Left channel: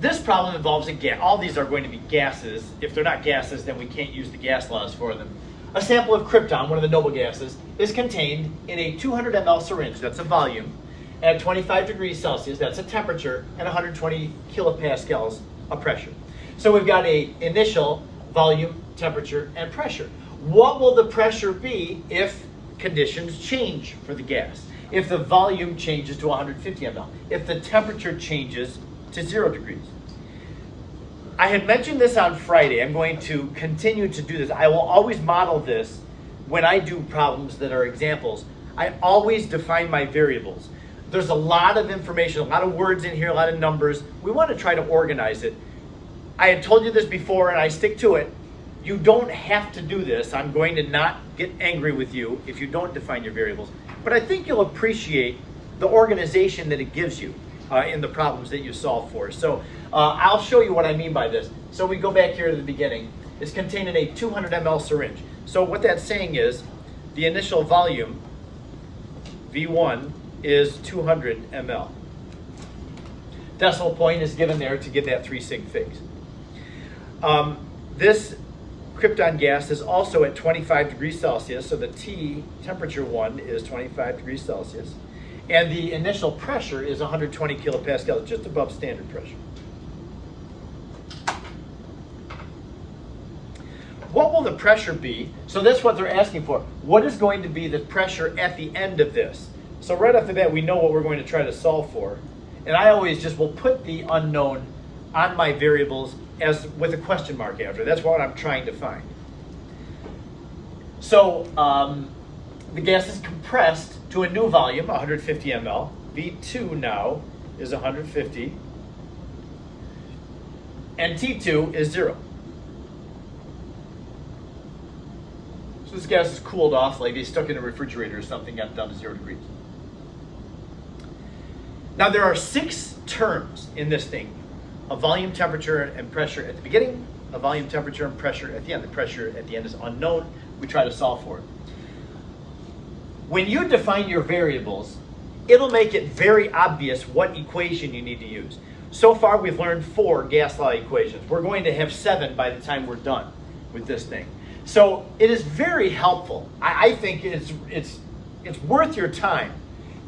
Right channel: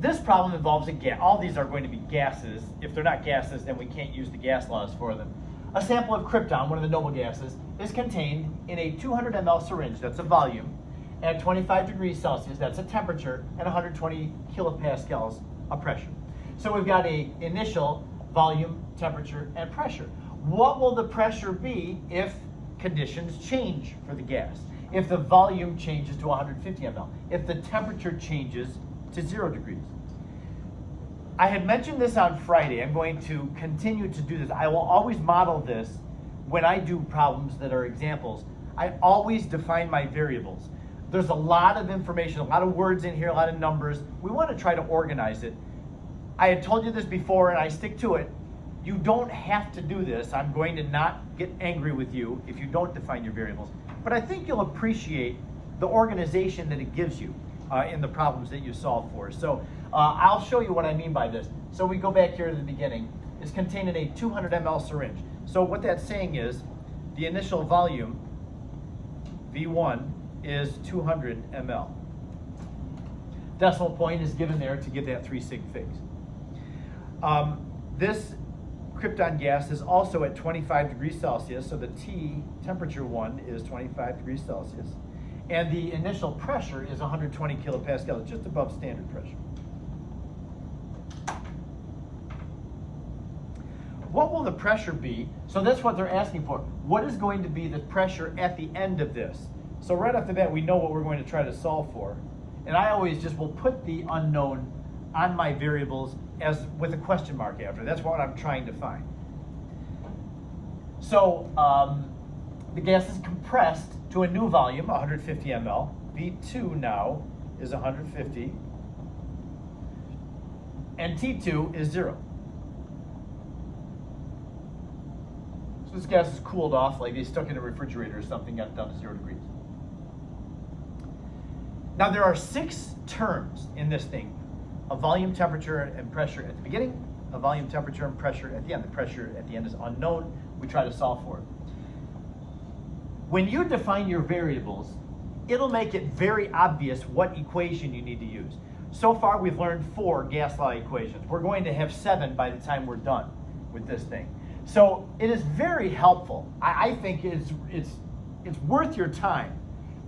This problem involves a gas. All these are going to be gases. If they're not gases, then we can't use the gas laws for them. A sample of krypton, one of the noble gases, is contained in a 200 ml syringe, that's a volume, at 25 degrees Celsius, that's a temperature, and 120 kilopascals of pressure. So we've got a initial volume, temperature, and pressure. What will the pressure be if conditions change for the gas? If the volume changes to 150 ml, if the temperature changes to 0 degrees. I had mentioned this on Friday. I'm going to continue to do this. I will always model this when I do problems that are examples. I always define my variables. There's a lot of information, a lot of words in here, a lot of numbers. We want to try to organize it. I had told you this before and I stick to it. You don't have to do this. I'm going to not get angry with you if you don't define your variables. But I think you'll appreciate the organization that it gives you in the problems that you solve for. So I'll show you what I mean by this. So we go back here to the beginning. It's contained in a 200 ml syringe. So what that's saying is the initial volume, V1, is 200 ml. Decimal point is given there to get that 3 sig figs. This krypton gas is also at 25 degrees Celsius, so the T temperature one is 25 degrees Celsius. And the initial pressure is 120 kilopascals, just above standard pressure. What will the pressure be? So this is what they're asking for. What is going to be the pressure at the end of this? So right off the bat, we know what we're going to try to solve for. And I always just will put the unknown on my variables as with a question mark after. That's what I'm trying to find. So the gas is compressed to a new volume, 150 ml. V2 now is 150. And T2 is 0. So this gas is cooled off, like they stuck in a refrigerator or something, got it down to 0 degrees. Now there are 6 terms in this thing: a volume, temperature, and pressure at the beginning, a volume, temperature, and pressure at the end. The pressure at the end is unknown. We try to solve for it. When you define your variables, it'll make it very obvious what equation you need to use. So far we've learned 4 gas law equations. We're going to have 7 by the time we're done with this thing. So it is very helpful. I think it's worth your time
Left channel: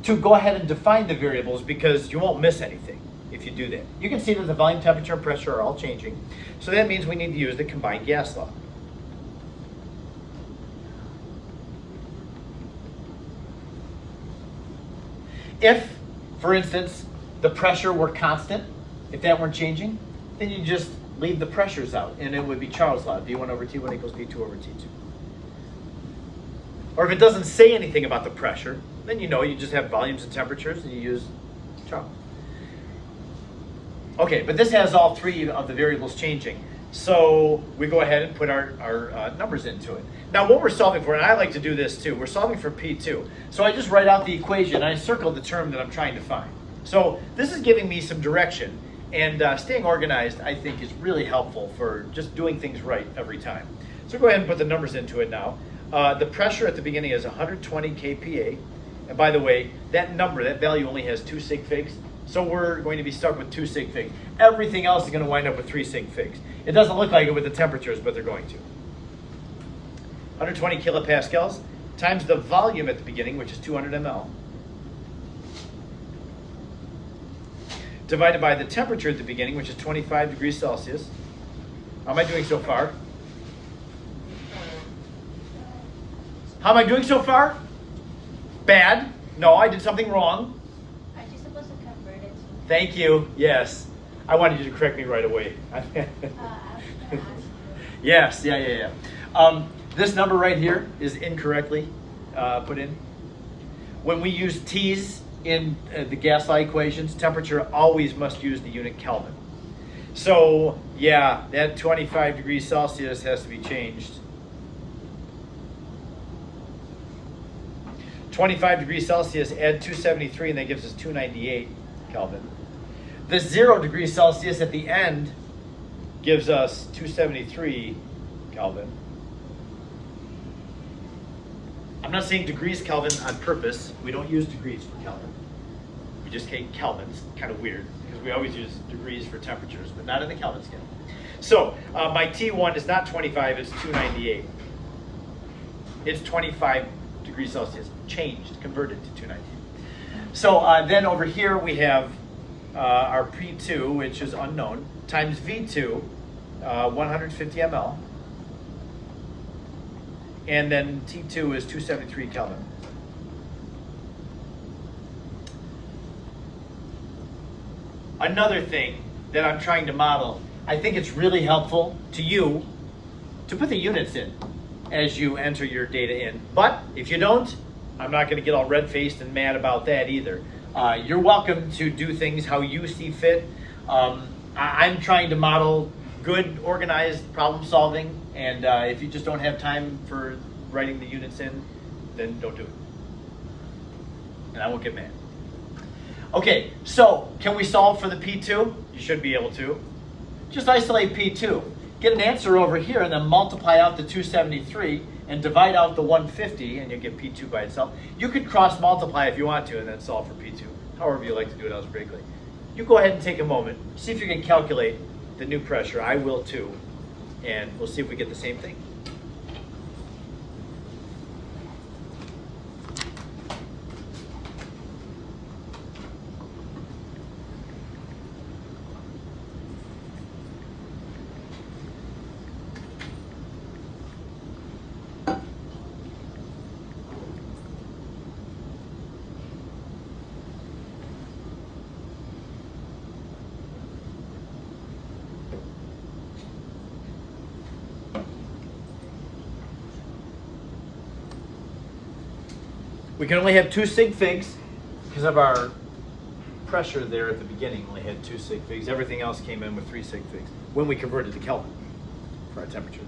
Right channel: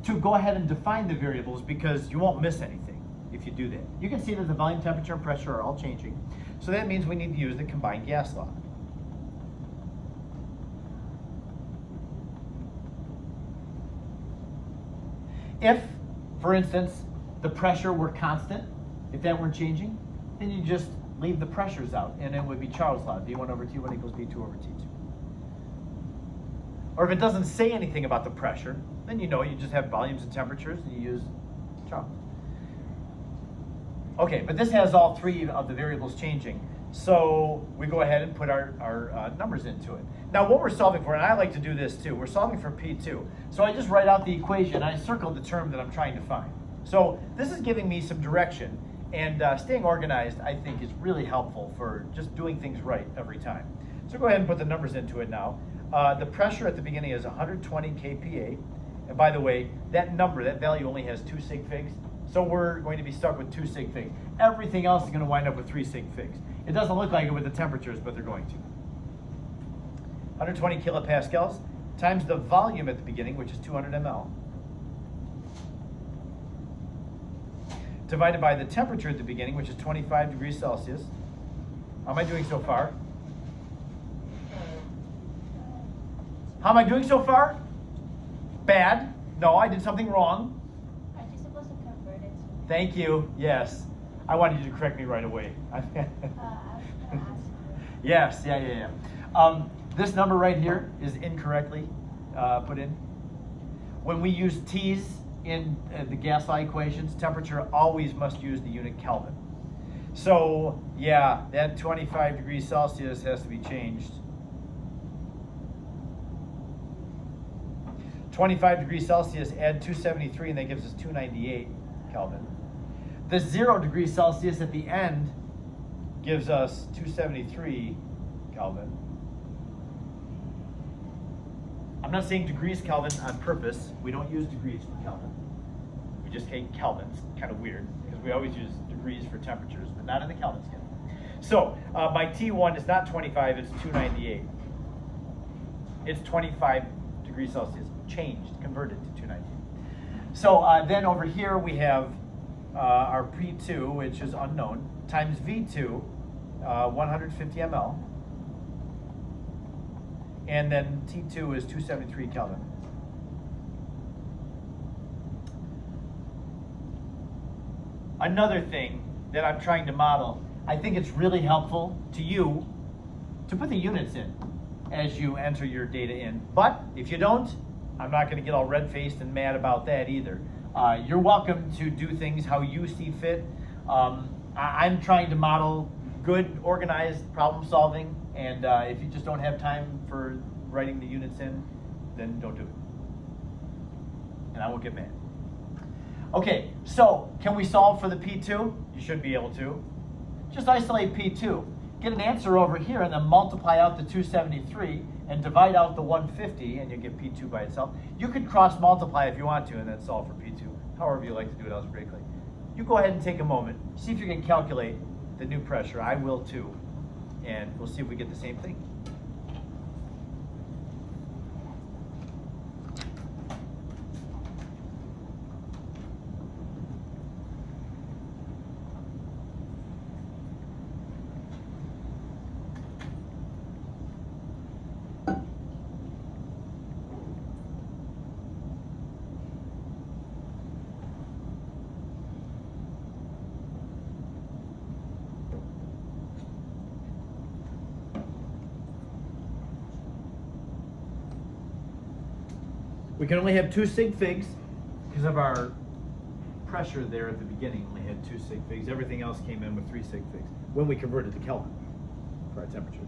to go ahead and define the variables because you won't miss anything if you do that. You can see that the volume, temperature, and pressure are all changing. So that means we need to use the combined gas law. If, for instance, the pressure were constant, if that weren't changing, then you just leave the pressures out and it would be Charles' law, V1 over T1 equals V2 over T2. Or if it doesn't say anything about the pressure, then you know you just have volumes and temperatures and you use Charles. Okay, but this has all 3 of the variables changing. So we go ahead and put our numbers into it. Now what we're solving for, and I like to do this too, we're solving for P2. So I just write out the equation and I circle the term that I'm trying to find. So this is giving me some direction, and staying organized I think is really helpful for just doing things right every time. So go ahead and put the numbers into it now. The pressure at the beginning is 120 kPa. And by the way, that number, that value only has 2 sig figs. So we're going to be stuck with 2 sig figs. Everything else is going to wind up with 3 sig figs. It doesn't look like it with the temperatures, but they're going to. 120 kilopascals times the volume at the beginning, which is 200 ml, divided by the temperature at the beginning, which is 25 degrees Celsius. How am I doing so far? How am I doing so far? Bad. No, I did something wrong. Aren't you supposed to convert it? Thank you. Yes. I wanted you to correct me right away. I was going to ask you. Yes. Yeah. This number right here is incorrectly put in. When we use T's in the gas law equations, temperature always must use the unit Kelvin. So yeah, that 25 degrees Celsius has to be changed. 25 degrees Celsius, add 273, and that gives us 298 Kelvin. This 0 degrees Celsius at the end gives us 273 Kelvin. I'm not saying degrees Kelvin on purpose. We don't use degrees for Kelvin. We just take Kelvins, kind of weird, because we always use degrees for temperatures, but not in the Kelvin scale. So my T1 is not 25, it's 298. It's 25 degrees Celsius, changed, converted to 298. So then over here we have our P2, which is unknown, times V2, 150 ml. And then T2 is 273 Kelvin. Another thing that I'm trying to model, I think it's really helpful to you to put the units in as you enter your data in. But if you don't, I'm not going to get all red-faced and mad about that either. You're welcome to do things how you see fit. I'm trying to model good, organized problem solving, and if you just don't have time for writing the units in, then don't do it. And I won't get mad. Okay, so can we solve for the P2? You should be able to. Just isolate P2. Get an answer over here and then multiply out the 273 and divide out the 150 and you'll get P2 by itself. You could cross multiply if you want to and then solve for P2. However you like to do it algebraically. You go ahead and take a moment, see if you can calculate the new pressure. I will too. And we'll see if we get the same thing. We can only have 2 sig figs because of our pressure there at the beginning. Only had 2 sig figs. Everything else came in with 3 sig figs when we converted to Kelvin for our temperatures.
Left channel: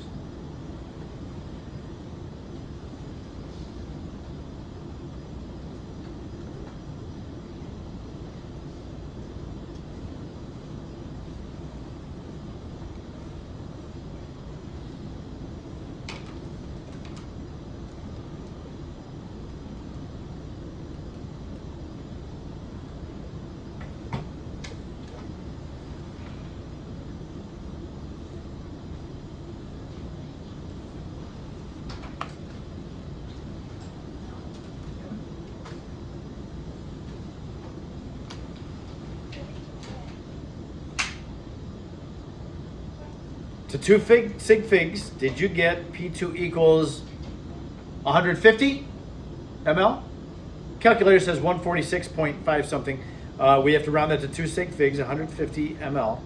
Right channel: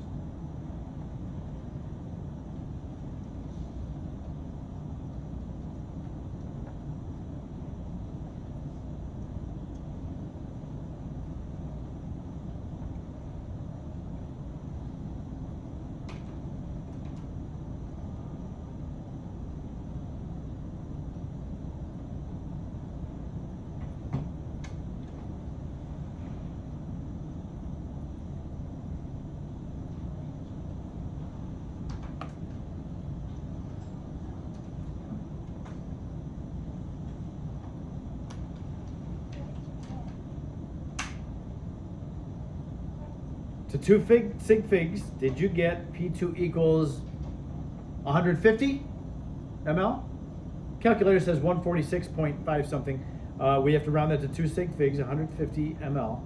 To 2 sig figs, did you get P2 equals 150 ml? Calculator says 146.5 something. We have to round that to 2 sig figs, 150 ml.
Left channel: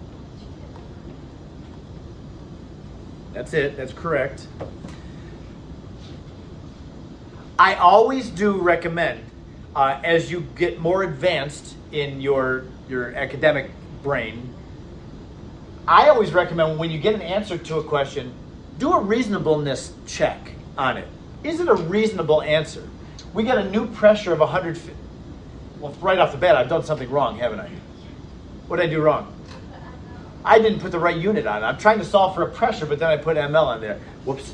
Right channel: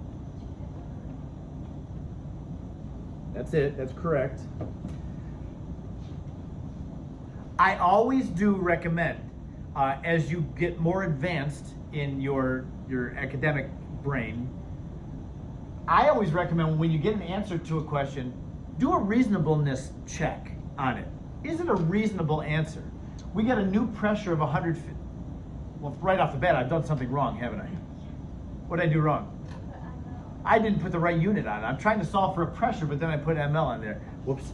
That's it, that's correct. I always do recommend, as you get more advanced in your academic brain, I always recommend when you get an answer to a question, do a reasonableness check on it. Is it a reasonable answer? We get a new pressure of 150. Well, right off the bat, I've done something wrong, haven't I? What did I do wrong? I didn't put the right unit on it. I'm trying to solve for a pressure, but then I put ml on there. Whoops.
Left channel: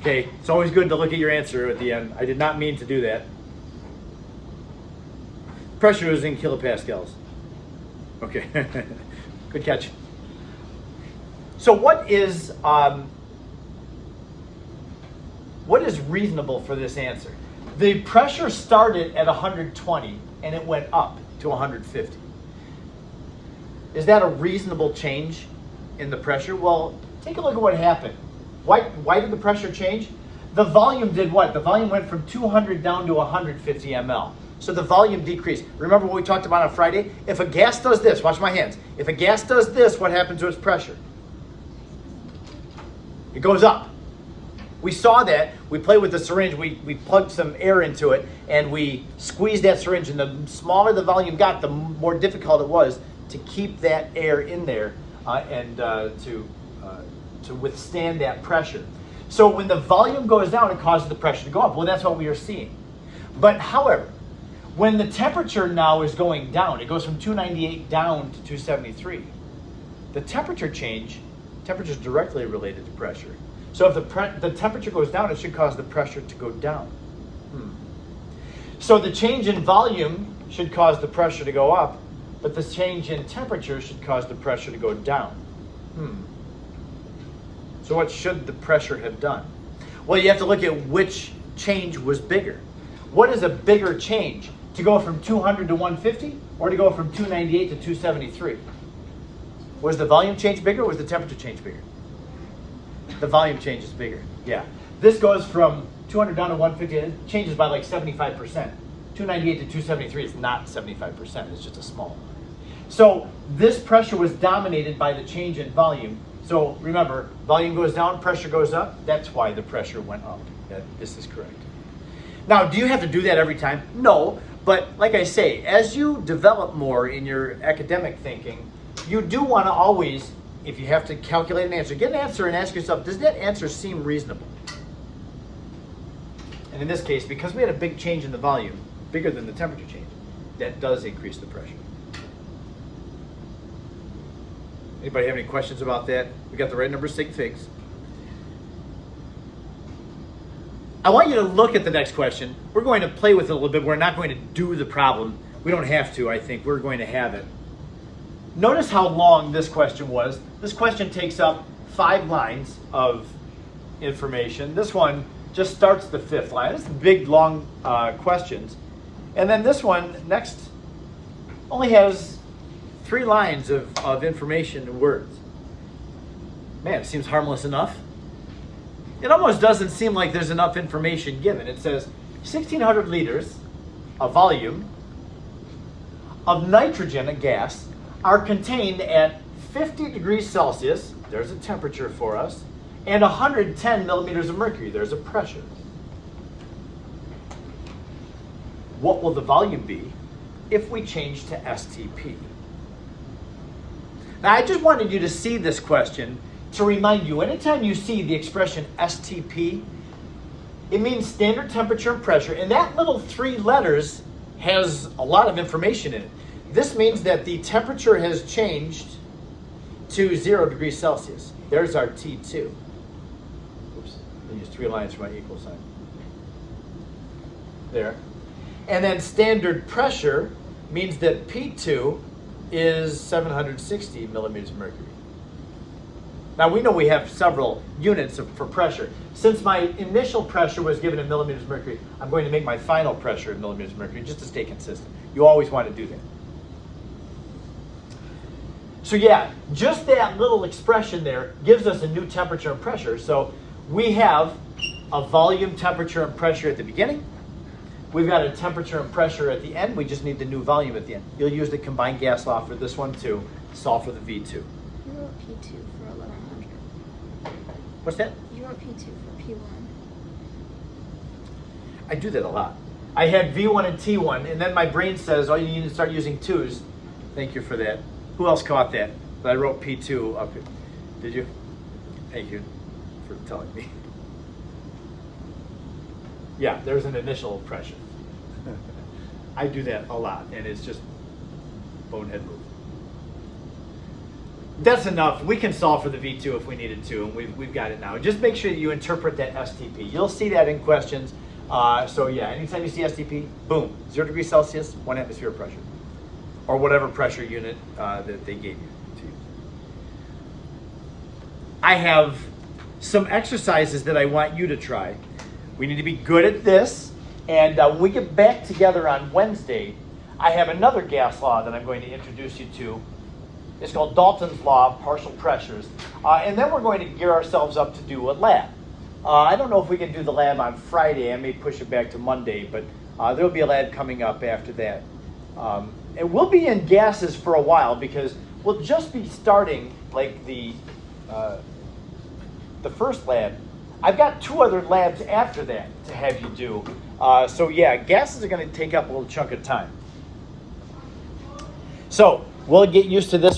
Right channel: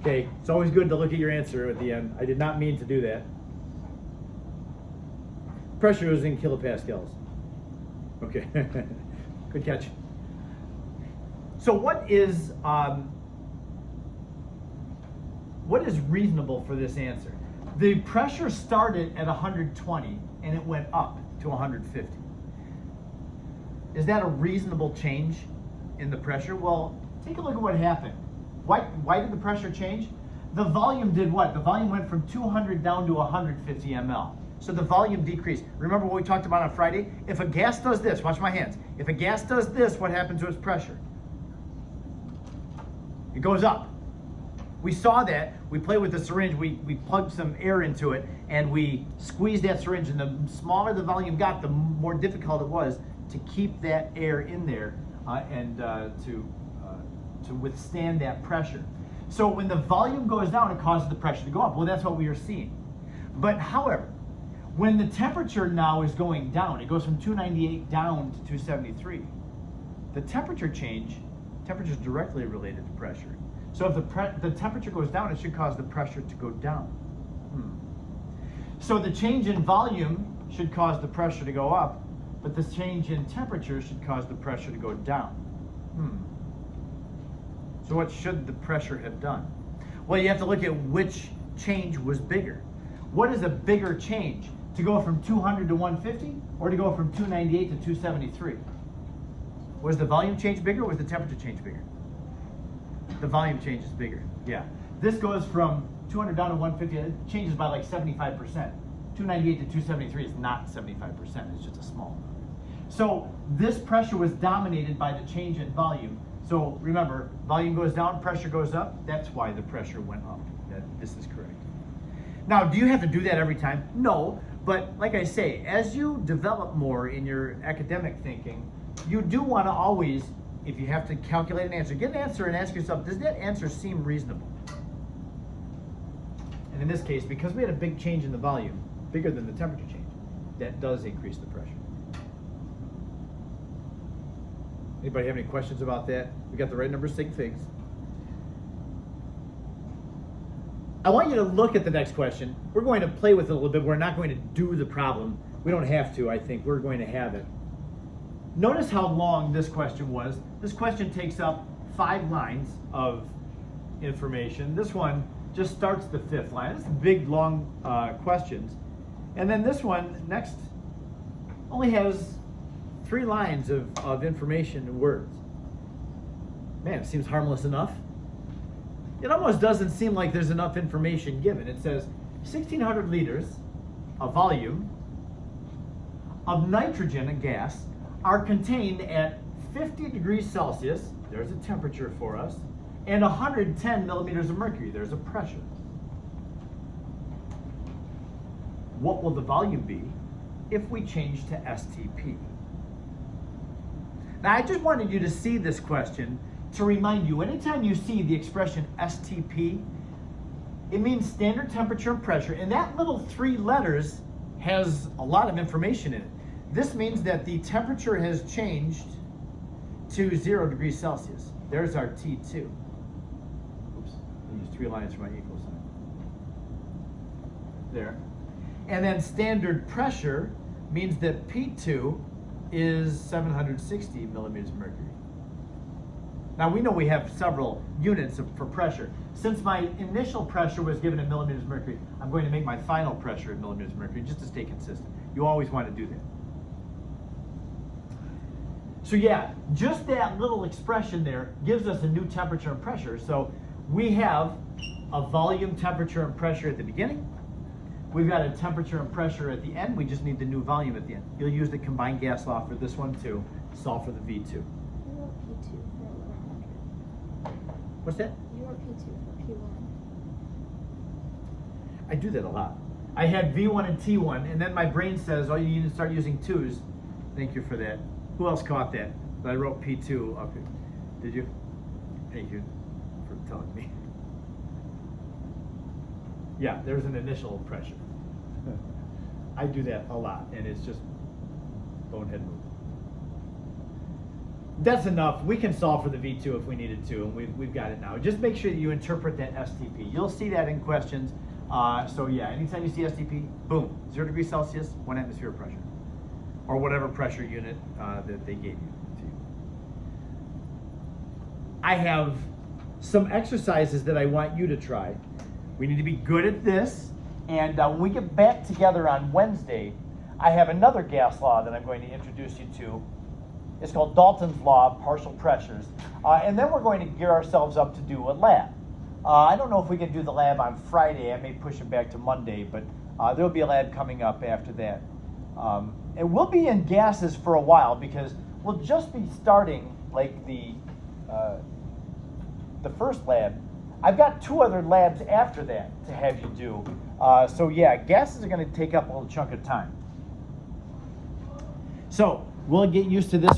Okay, it's always good to look at your answer at the end. I did not mean to do that. Pressure was in kilopascals. Okay, good catch. So what is reasonable for this answer? The pressure started at 120 and it went up to 150. Is that a reasonable change in the pressure? Well, take a look at what happened. Why did the pressure change? The volume did what? The volume went from 200 down to 150 ml. So the volume decreased. Remember what we talked about on Friday? If a gas does this, watch my hands. If a gas does this, what happens to its pressure? It goes up. We saw that. We played with the syringe. We plugged some air into it and we squeezed that syringe, and the smaller the volume got, the more difficult it was to keep that air in there and to withstand that pressure. So when the volume goes down, it causes the pressure to go up. Well, that's what we are seeing. But however, when the temperature now is going down, it goes from 298 down to 273. The temperature change, temperature is directly related to pressure. So if the temperature goes down, it should cause the pressure to go down. So the change in volume should cause the pressure to go up, but the change in temperature should cause the pressure to go down. So what should the pressure have done? Well, you have to look at which change was bigger. What is a bigger change? To go from 200 to 150 or to go from 298 to 273? Was the volume change bigger or was the temperature change bigger? The volume change is bigger, yeah. This goes from 200 down to 150, and it changes by like 75%. 298 to 273 is not 75%, it's just a small amount. So this pressure was dominated by the change in volume. So remember, volume goes down, pressure goes up. That's why the pressure went up. This is correct. Now, do you have to do that every time? No, but like I say, as you develop more in your academic thinking, you do want to always, if you have to calculate an answer, get an answer and ask yourself, does that answer seem reasonable? And in this case, because we had a big change in the volume, bigger than the temperature change, that does increase the pressure. Anybody have any questions about that? We got the right number of sig figs. I want you to look at the next question. We're going to play with it a little bit. We're not going to do the problem. We don't have to, I think. We're going to have it. Notice how long this question was. This question takes up 5 lines of information. This one just starts the 5th line. It's big, long questions. And then this one, next, only has 3 lines of information and words. Man, it seems harmless enough. It almost doesn't seem like there's enough information given. It says 1,600 liters of volume of nitrogen, a gas, are contained at 50 degrees Celsius, there's a temperature for us, and 110 millimeters of mercury, there's a pressure. What will the volume be if we change to STP? Now, I just wanted you to see this question to remind you, anytime you see the expression STP, it means standard temperature and pressure, and that little 3 letters has a lot of information in it. This means that the temperature has changed to 0 degrees Celsius. There's our T2. Oops, I used 3 lines for my equal sign. There. And then standard pressure means that P2 is 760 millimeters of mercury. Now we know we have several units for pressure. Since my initial pressure was given in millimeters of mercury, I'm going to make my final pressure in millimeters of mercury just to stay consistent. You always want to do that. So yeah, just that little expression there gives us a new temperature and pressure. So we have a volume, temperature, and pressure at the beginning. We've got a temperature and pressure at the end. We just need the new volume at the end. You'll use the combined gas law for this one too, solve for the V2. You wrote P2 for 1100. What's that? You wrote P2 for P1. I do that a lot. I had V1 and T1, and then my brain says, oh, you need to start using 2s. Thank you for that. Who else caught that? But I wrote P2 up here. Did you? Thank you for telling me. Yeah, there's an initial pressure. I do that a lot, and it's just bonehead move. That's enough. We can solve for the V2 if we needed to, and we've got it now. Just make sure that you interpret that STP. You'll see that in questions. So yeah, anytime you see STP, boom, 0 degrees Celsius, 1 atmosphere pressure, or whatever pressure unit that they gave you to use. I have some exercises that I want you to try. We need to be good at this, and when we get back together on Wednesday, I have another gas law that I'm going to introduce you to. It's called Dalton's Law of Partial Pressures, and then we're going to gear ourselves up to do a lab. I don't know if we can do the lab on Friday. I may push it back to Monday, but there'll be a lab coming up after that. And we'll be in gases for a while because we'll just be starting like the first lab. I've got 2 other labs after that to have you do. So yeah, gases are going to take up a little chunk of time. So we'll get used to this.